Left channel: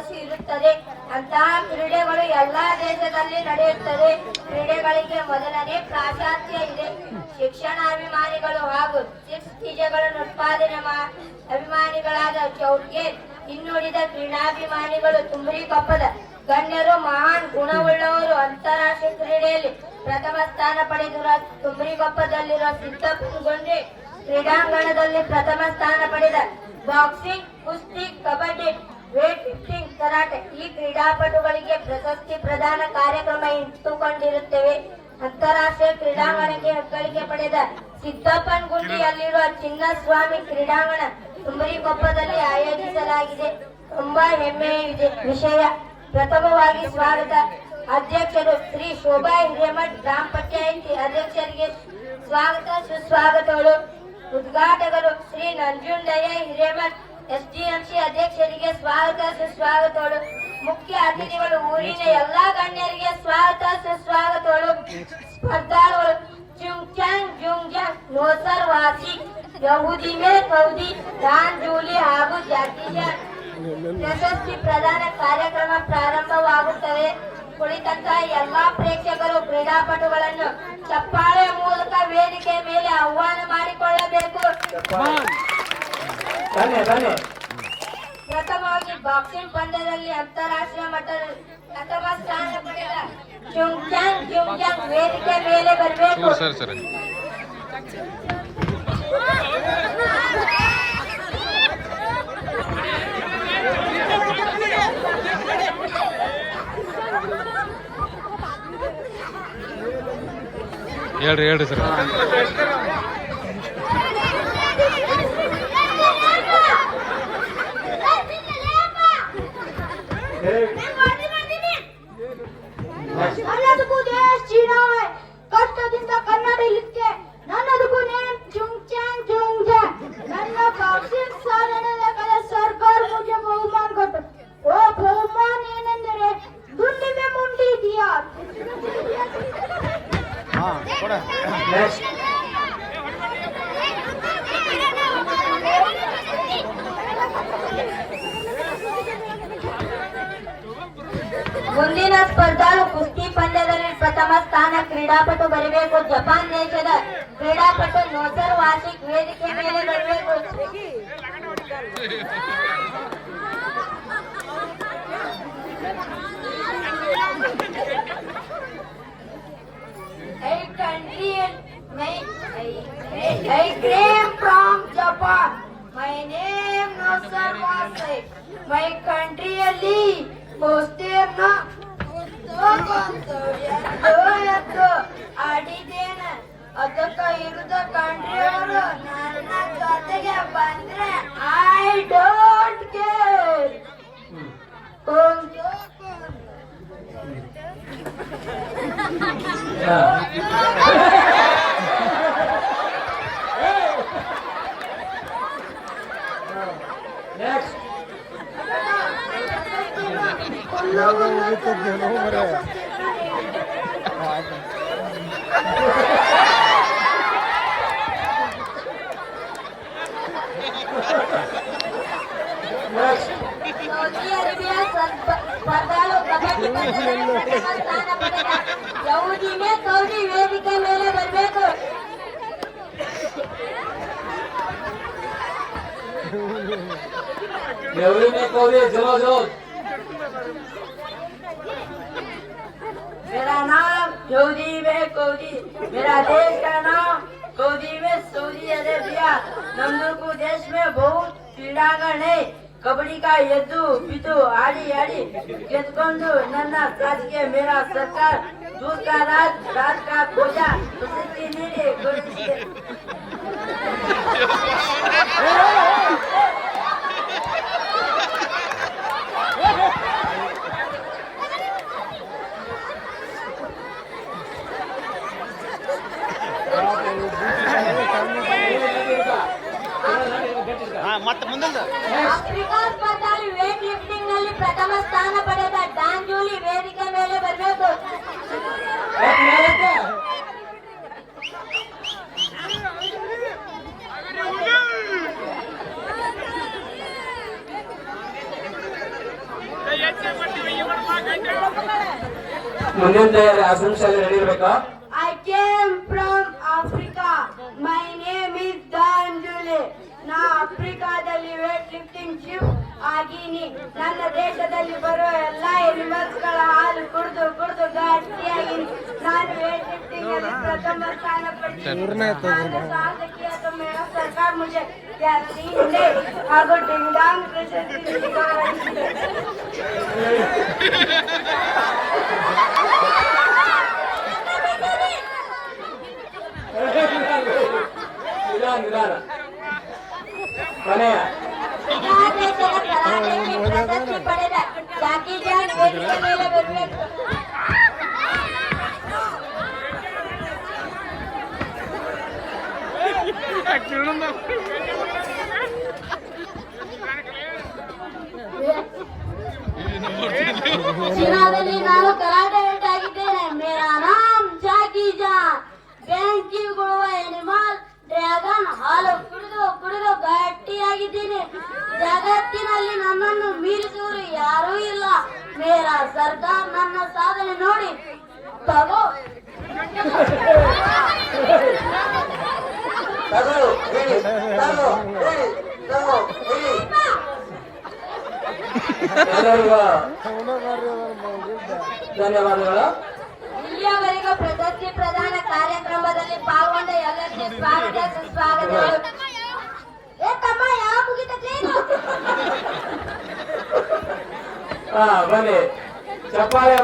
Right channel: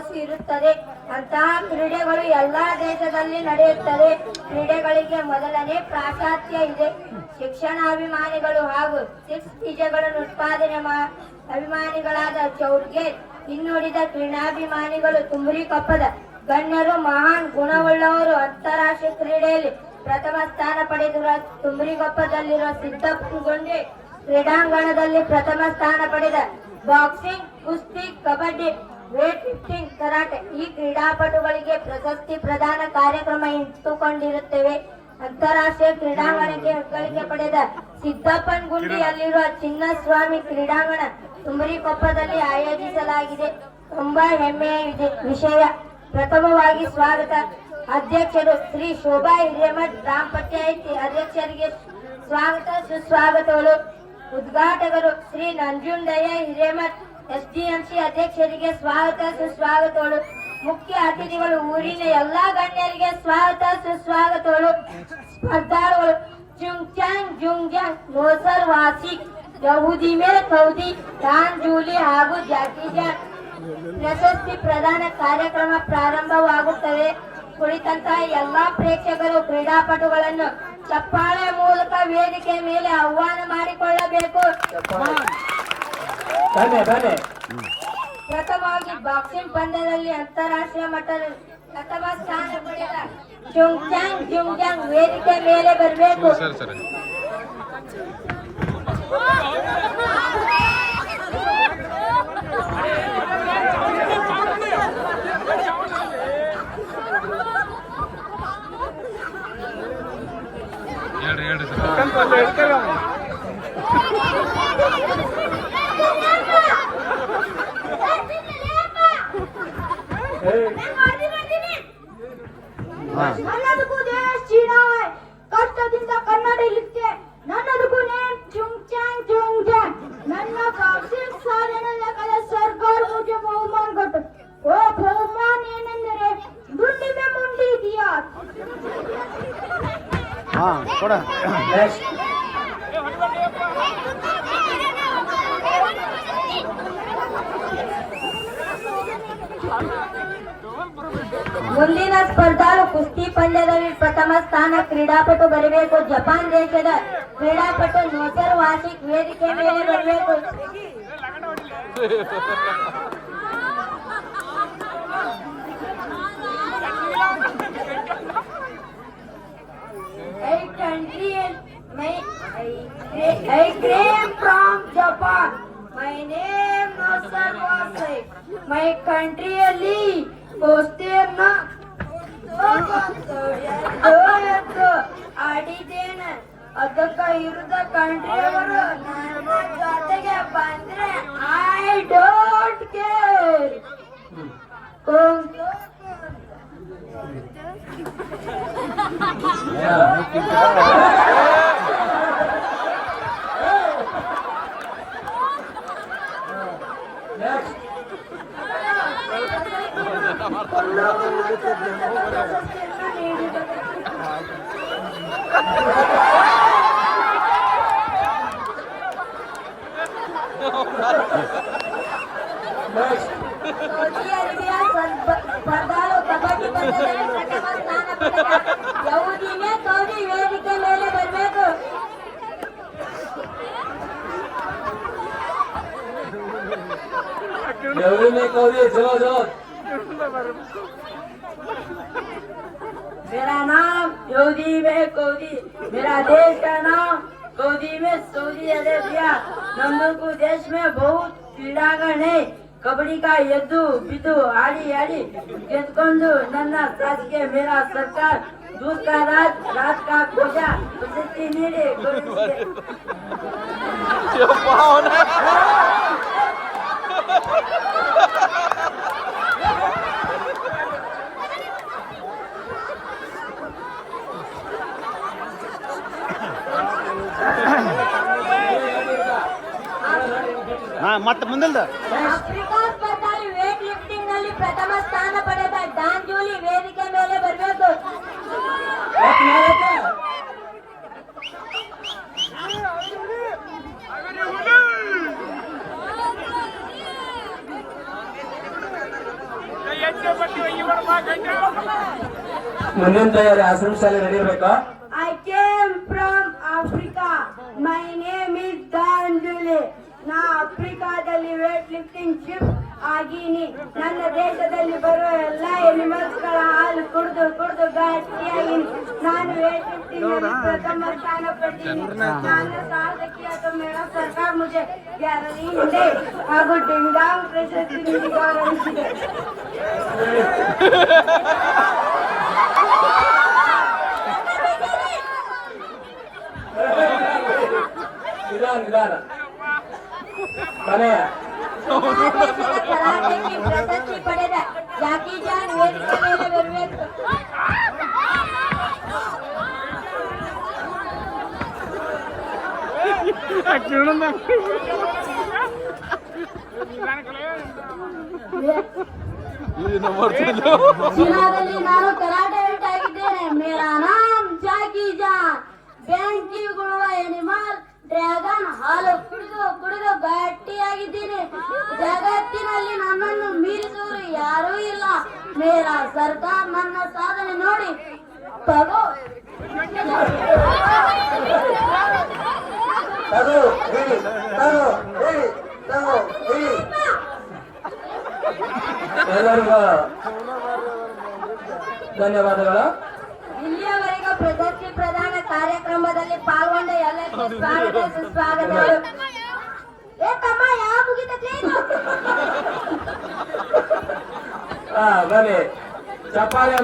ಯಶಸ್ಸು ಇರುತ್ತದೆ. ಅಂತಹ ಕ್ರೀಡೆಗಳು ಎಲ್ಲಾ ದೇಶದಲ್ಲಿ ನಡೆಯುತ್ತದೆ. ಕ್ರೀಡೆಗಳಿಗೆ ಮೊದಲನೇ ಪ್ರಾಶಸ್ತ್ಯ ಇದೆ. ಶಿಕ್ಷಣಾಭಿಮಾನಿಗಳು ಹಾಗೂ ಸಿಕ್ಸ್ ಬೀಜಗಳನ್ನು ಉತ್ಪಾದನೆ ಅಭಿಮಾನಿಗಳಾದ ಚೌರ್ಗೆ ಹಿನ್ನುಡಿದ ಕ್ರೀಡಾಭಿಮಾನಿಗಳು ತುಮರಿಕೊಪ್ಪದ ಗಣ್ಯರು ಮಹಾನ್ ಗುಣವುಳ್ಳವರು. ಅಂತಾರಾಷ್ಟ್ರೀಯ ಕ್ರೀಡೆಯಲ್ಲಿ ಪ್ರಥಮ ಸ್ಥಾನ ಪಡೆದಿರುವ ತುಮರಿಕೊಪ್ಪದಲ್ಲಿರುವ ಸಿದ್ದಪ್ಪಗೊಂಡೆ ಕ್ರೀಡಾಂಗಣದಲ್ಲಿ ಪ್ರಥಮ ಸ್ಥಾನ ಪಡೆದ ಬಾಕ್ಸಿಂಗ್, ಕುಸ್ತಿ, ಕಬಡ್ಡಿ, ವೇಟ್ ಲಿಫ್ಟಿಂಗ್, ಕರಾಟೆ ಈ ಕ್ರೀಡಾಪಟುಗಳಿಗೆ ಪ್ರಶಸ್ತಿ ಪ್ರದಾನ ಕಾರ್ಯಕ್ರಮ ಇಟ್ಟುಕೊಂಡಿರುತ್ತೇವೆ. ಅಂತಾರಾಷ್ಟ್ರೀಯ ಕ್ರೀಡಾಂಗಣಕ್ಕೆ ಹೆಗ್ಗಳಿಕೆ ಪಡೆದ ಸಿದ್ದಪ್ಪನಗುಂಡಿಯಲ್ಲಿರುವ ಚಿನ್ನಸ್ವಾಮಿ ಕ್ರೀಡಾಂಗಣ ತುಮರಿಕೊಪ್ಪದಲ್ಲಿ ಆಯೋಜಿಸಲಾಗಿದೆ. ತುಂಬಾ ಹೆಮ್ಮೆಯ ವಿಷಯ. ಪ್ರಥಮವಾಗಿ ಸ್ವಾಗತ ಅಧ್ಯಕ್ಷರು ಶ್ರೀ ಶೋಭಾ ಹಿರೇಮಠ್, ಗ್ರಾಮ ಪಂಚಾಯಿತಿ ಅಧ್ಯಕ್ಷರಿಗೆ ಸ್ವಾಗತ ಸುಸ್ವಾಗತಗಳು. ಉದ್ಘಾಟಕರು ಶ್ರೀ ನಂಜುಂಡಯ್ಯ ಹಿರೇಮಠ್, ಎಸ್ಡಿಎಂಸಿ ಅಧ್ಯಕ್ಷರಿಗೆ ಸ್ವಾಗತ ಸುಸ್ವಾಗತಗಳು. ಮುಖ್ಯ ಅತಿಥಿಗಳು ಊರಿನ ಎಲ್ಲಾ ಗಣ್ಯರಿಗೆ ಸ್ವಾಗತ ಸುಸ್ವಾಗತಗಳು. ಸ್ಪರ್ಧಾಳುಗಳು ಚುಂಗ್ಚಾಂಗ್ ಜುಂಗ್ಜಾಂಗ್, ನೋಸರ್ ವಾಸಿಕ್, ಯಹೂದಿ ಮೇಲೆ ಕೌದಿ, ಜಾನ್ ಜೂಲಿ ಹಾಗೂ ಜಾಕಿಜಾನ್. ಪ್ರಶಸ್ತಿ ಪ್ರದಾನ ಕಾರ್ಯಕ್ರಮ ಪ್ರಾರಂಭವಾಗುತ್ತದೆ. ಕುಳಿತಂತಹ ಎಲ್ಲಾ ಪ್ರೇಕ್ಷಕರು ಕ್ರೀಡಾಪಟುಗಳನ್ನು ಚಪ್ಪಾಳೆ ಮೂಲಕ ವೇದಿಕೆ ಮೇಲೆ ಆಹ್ವಾನ ಮಾಡಿಕೊಳ್ಳಬೇಕು. ಪ್ರಥಮವಾಗಿ ಬಾಕ್ಸಿಂಗ್ ಪಂದ್ಯದಲ್ಲಿ ಅಂತಾರಾಷ್ಟ್ರೀಯ ಮಟ್ಟದಲ್ಲಿ ಪ್ರಥಮ ಸ್ಥಾನ ಪಡೆದ ಚುಂಗ್ಚಾಂಗ್ ಜುಂಗ್ಜಾಂಗ್ ವೇದಿಕೆ ಮೇಲೆ ಬರಬೇಕು. ಹೇಳ್ರಿ ಸರ್. ನನ್ನದಕ್ಕೂ ದೇಶ ಚೀನಾ ಕಷ್ಟದಿಂದ ಕನ್ನಡ ಇರುತ್ತೆ. ನನ್ನದಕ್ಕೂ ನೇಮ್ ಚುಂಗ್ಚಾಂಗ್ ಜುಂಗ್ಜಾಂಗ್. ನನ್ನ ಬಾಕ್ಸಿಂಗ್ ಸಾಧನೆಗಳ ಸರ್ಕಾರ ಮುझे ಬಹುಮಾನ ಕೊಟ್ಟು. ಓ ಬಹುಮಾನ ಏನೆಂದರೆ ಗುಂಡಿ ಮೇ ಮುಂಡಿ ಇದೆಯಾ. ಮುಂದಿನ ಸ್ಪರ್ಧಾಳು ಕುಸ್ತಿ ಪಂದ್ಯದಲ್ಲಿ ಪ್ರಥಮ ಸ್ಥಾನ ಕ್ರೀಡಾಪಟು ಬರಬೇಕು. ಜಪಾನ್ ದೇಶದ ಕ್ರೀಡಾಪಟು ನೋಸರ್ ವಾಸಿಕ್ ವೇದಿಕೆ ಮೇಲೆ ಬರಬೇಕು. I came from Japan. My name Nosar Wasik. My countryಯಲ್ಲಿ ಕುಸ್ತಿಯನ್ನ ಆಡಿದ್ದೇನೆ. ಅದಕ್ಕೆ ಇರದ ಕಂಟ್ರಿಯವರು ನನ್ನ ಜೊತೆಗೆ ಬಂದ್ರೆ I don't care. Saudi Arabia ಸ್ಪರ್ಧಾಳು ಕಬಡ್ಡಿ ಪಂದ್ಯದಲ್ಲಿ ಪ್ರಥಮ ಸ್ಥಾನ ಪಡೆದ ಯಹೂದಿ ಮೇ ಕೌದಿ ವೇದಿಕೆ ಮೇಲೆ ಬರಬೇಕು. मेरा नाम यहूदी में कौदी, मेरा देश का नाम कौदी में सऊदी अरेबिया. नंदुरकू देश में बहुत क्रीडांगण है. कबड्डी का ಎದ್ದು ಬಿದ್ದು ಆಡಿ ಗೆದ್ಕೊಂಡು ನನ್ನ ಸಾಧಿಗೆ ಮೇರಾ ಸರ್ಕಾರ दूध का रात का खोजा प्रशस्ति ನೀಡಿ ಮತ್ತೆ ಮುಂದೆ ಆಫ್ರಿಕಾ ಸ್ಪರ್ಧೆಯಲ್ಲಿ ವೇಟ್ ಲಿಫ್ಟಿಂಗ್ ನಲ್ಲಿ ಪ್ರಥಮ ಸ್ಥಾನ ಪಡೆದ ಡಾನ್ ಜೂಲಿ ವೇದಿಕೆ ಮೇಲೆ ಬರಬೇಕು. ಮುಂದಿನ ತಯಾರಿ ಆಶ್ರಮಶಾಲೆ ready ಇರ್ಬೇಕಾ? I came from Africa. My name is Dandule. ನಾ ಆಫ್ರಿಕಾದಲ್ಲಿ ವೇಟ್ ಲಿಫ್ಟಿಂಗ್ ಶಿಫ್ಟ್ ಆಗೀನಿ. ನನ್ನ ದೇಶದಲ್ಲಿ ಬರುವ ಎಲ್ಲಾ ಎನಿಮಲ್ಸ್ ಗಳ ಹಾಲು ಕುಡಿದು ಕುಡಿದು ಗಟ್ಟಿಯಾಗಿನಿ. ನಾನು ವೇಟ್ ಲಿಫ್ಟಿಂಗ್ ನಲ್ಲಿ ಪ್ರಥಮ ಸ್ಥಾನ ಪಡೆದಿನಿ. ನನ್ನ ಸಾಧಕಿಯಾದ ಮೇರಾ ಸರ್ಕಾರ ಮುझे ಗ್ಯಾರಲಿ ಹಿಂದೆ ಹಾಗೂ ಡಿಂಗಾಂಗ್ ಪ್ರಶಸ್ತಿ ನೀಡಿದೆ. ನಿಧಾನ ಕೊನೆಯ ಪ್ರಶಸ್ತಿ ಪಡೆದ ಜಾಕಿ ಜಾನ್ ವೇದಿಕೆ ಮೇಲೆ ಬರಬೇಕು. ಚೀನಾದಲ್ಲಿ ನಾನು ಕರಾಟೆ ಆಗಿದ್ದೇನೆ. ಮೇರಾ ನಾಮ್ ಜಾಕಿ ಜಾನ್. ಬೆಂಕಿ ಗುಳುವ ಎನಿಮಲ್ ಡ್ರ್ಯಾಗನ್ ಹಾಲು ಕುಡಿದು ಕುಡಿದು ಗಟ್ಟಿಯಾಗಿದ್ದೀನಿ. ಜಗತ್ತಿನಲ್ಲಿ ನನ್ನನ್ನು ಮೀರಿಸುವರು ಯಾರೂ ಇಲ್ಲ. ಮೇರಾ ಸರ್ಕಾರ ನನ್ನ ಸಾಧನೆ ನೋಡಿ ತಗೋ. ಎಲ್ಲರಿಗೂ ಧನ್ಯವಾದಗಳು. ಇಲ್ಲಿಯವರೆಗೂ ಪ್ರಶಸ್ತಿ ಪ್ರದಾನ ಕಾರ್ಯಕ್ರಮದಲ್ಲಿ ಪಾಲ್ಗೊಂಡ ಎಲ್ಲರಿಗೂ ಸ್ವಾಗತ ಸುಸ್ವಾಗತಗಳು. ಏ ತಮ್ಮ ಯಾವ ಮುಗಿತೈತಿ? ಬನ್ನಿ ಚಪ್ಪಾಳೆ